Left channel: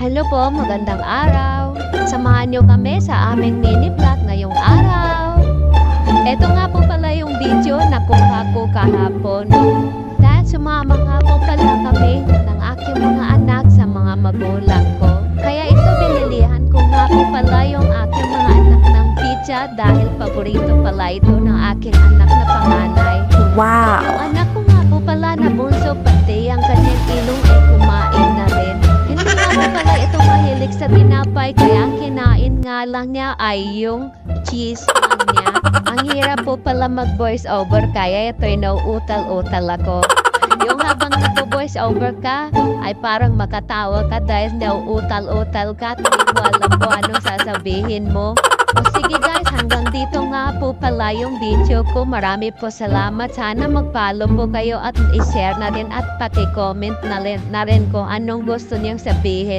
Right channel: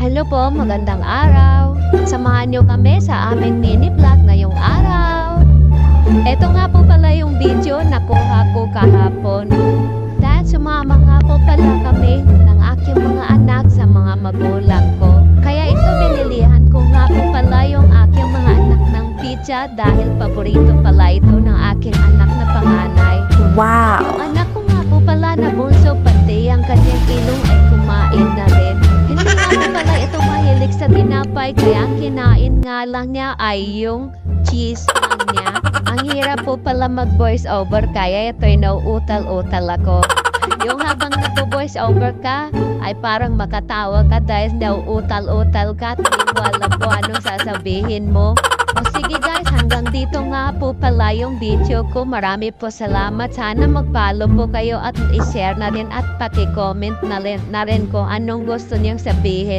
Hello po, magandang araw. Samahan niyo kami sa aming mini vlog ngayong araw. Ito nga po pala yung video na kuha ko kahapon. Dahil sumama nga po pala kami ng aking mga anak sa mga magulang ko. Kaya ito binilihan ko nga po pala yung aking mga anak ng pizza dahil paborito pala ito ng aking anak na panganay. Wow! Yung anak ko nga po pala na bunso pati ang kanyang ilong ay kumain na rin. Hindi nga po pala ito mahilig sa tinapay kaya ang kinain nga lang niya ay yung cheese lang niya. Ang hirap po pala mag-voice over kaya ito'y nauutal-utal ako. Yung habang nagpo-voice over ka ay parang makatawa ka dahil nauutal-utal ka at hindi mo alam po anong sasabihin mo. O sige guys, hanggang dito nga po pala yung video ko. Marami po salamat. Sana mag-follow po kayo at i-share na rin at paki-comment na rin kung anong gusto niyong sabihin.